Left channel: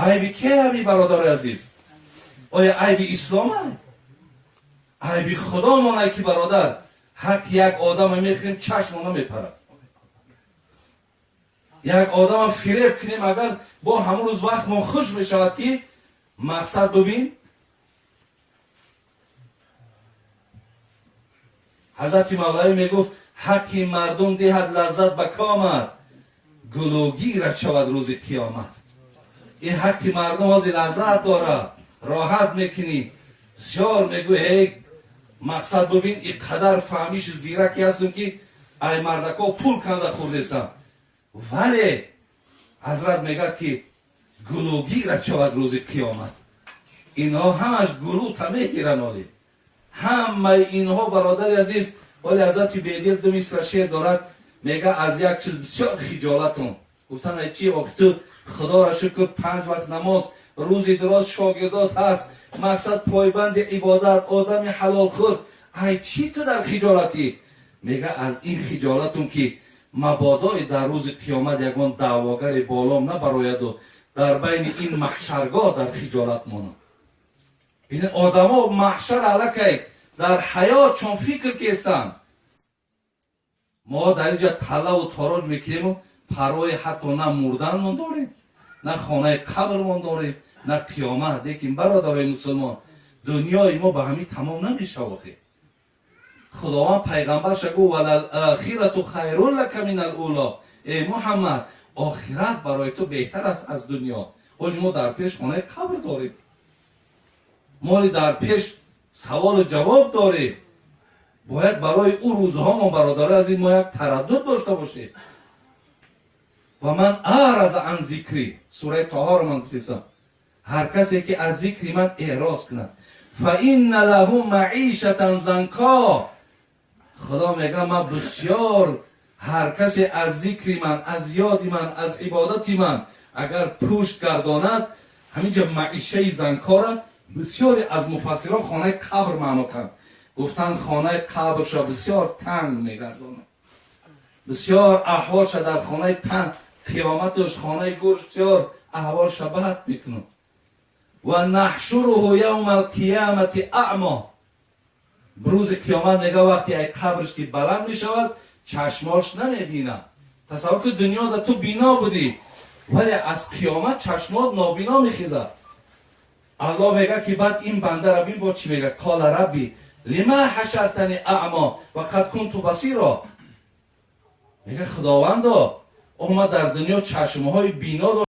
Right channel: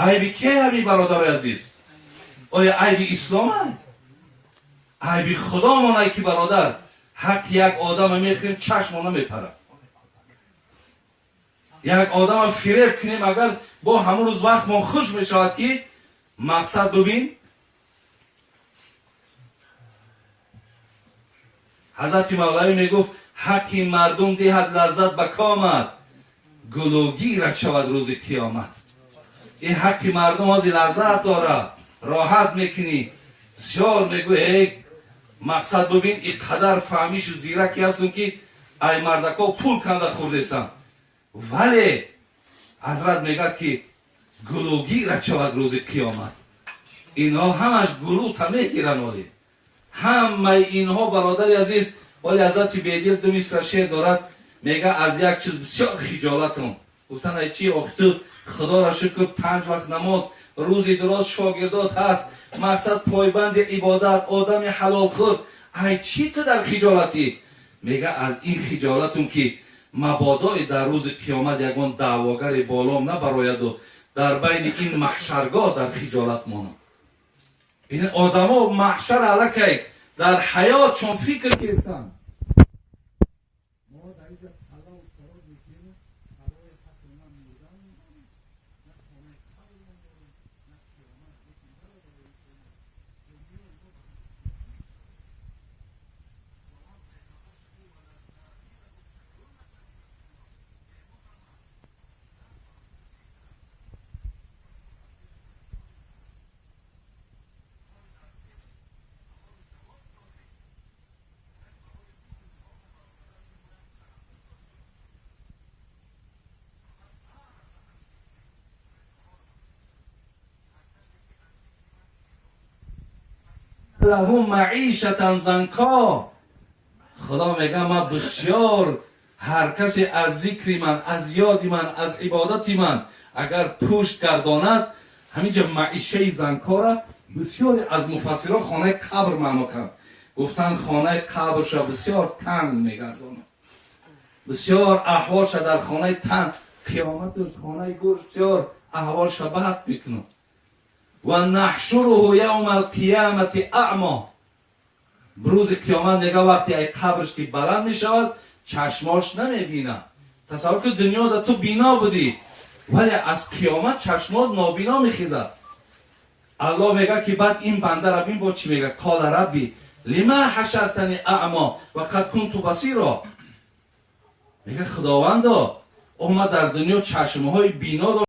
عیب که همی برادر عزیز؟ آیا عیب اسلام هست؟ عیب خدا مانه که برادر حق یک آدم میخریم چشم نمیپره. یک آدم فریب کنیم اگر با همون روز وقت ما خوش میشود که مقصد ببین. حضرت مولوی میگفت حقی مردم دهد لذت به کامت، گلوگی را شود روز قیامت. این حقی مردم از لذت داره، راحت میکنی. بسیار میگوی مقصد ببین این قدر فهمیش و زیرکی هستون که ای مردکا پول کنده خوردستن، ولی حضرت میگد که گلوگی را شود روز قیامت. اینها همش گلو تمیگیرن. ولی همه اینها برادر عزیز، ولی حضرت بیدیر دو مصر شعر دارد، میگه از یک چیز بسیار خجالتم. گفتن ای چی تو خدا را شکر 5 وقت نماز روزی دراز شاگردات هست، مقصد پایبند عبادت، آدم حلال خور، ای چی تو در خجالتی؟ میگه از این خجالتم که مبادا در روز قیامت یگان دعواگر بالام نبراید و در بین این محشرگاه در خجالت مانم. این آدم ها محشر علکه در حیات چون فکر کستن. ما در اینجا طلا و تاراج میکنیم و پروای حتی نه مردن من داریم، نه خانه قبر من داریم، نه قیامت. دیکن برادر مسلمان، دنیای ما به همین تمام نمیشه. واقعی خداوند پیغمبرش گفت وللآخرة خیر لک من الاولی. ای محمد آخرت برای تو بهتر است از دنیا. ولی ما در پیش خانه قبر داریم، ما در پیش سوال و جواب داریم. باید برای او روزها ما برادر از این ما یک تردد داشته باشیم. و من اعرض عن ذکری، سوره طه رو من گفتم، هر کسی که از ذکر من اعراض کند فإن له معیشة ضنکا. خدا میگه من بسیار هر کسی از ذکر من، از یاد من، از عبادت من اگر پشت گرداند، همینجا معیشه ضنکا را بسیاری از مفسران خانه قبر معنا کردند. گفتن خانه قبرش را بسیار تنگ میگرداند، بسیار احوالش در خانه تنگ، قیامتش خانه گوش بسیار احوالش بد میکنه. و نحشره یوم القیامت اعما. بروز قیامت میگه وقتی ای قبرش که بلند میشود چشماش نمیبینه. تصور که دنیا در تو بینا بودی ولی از قیامت چشمات نابینا میخیزد. الله میگه که بعد این بنده را بین با چی میگه؟ قال ربی لما حشرتنی اعما و قد کنت بصیرا. میگه خداوندا ما در دنیا چشمهای بینا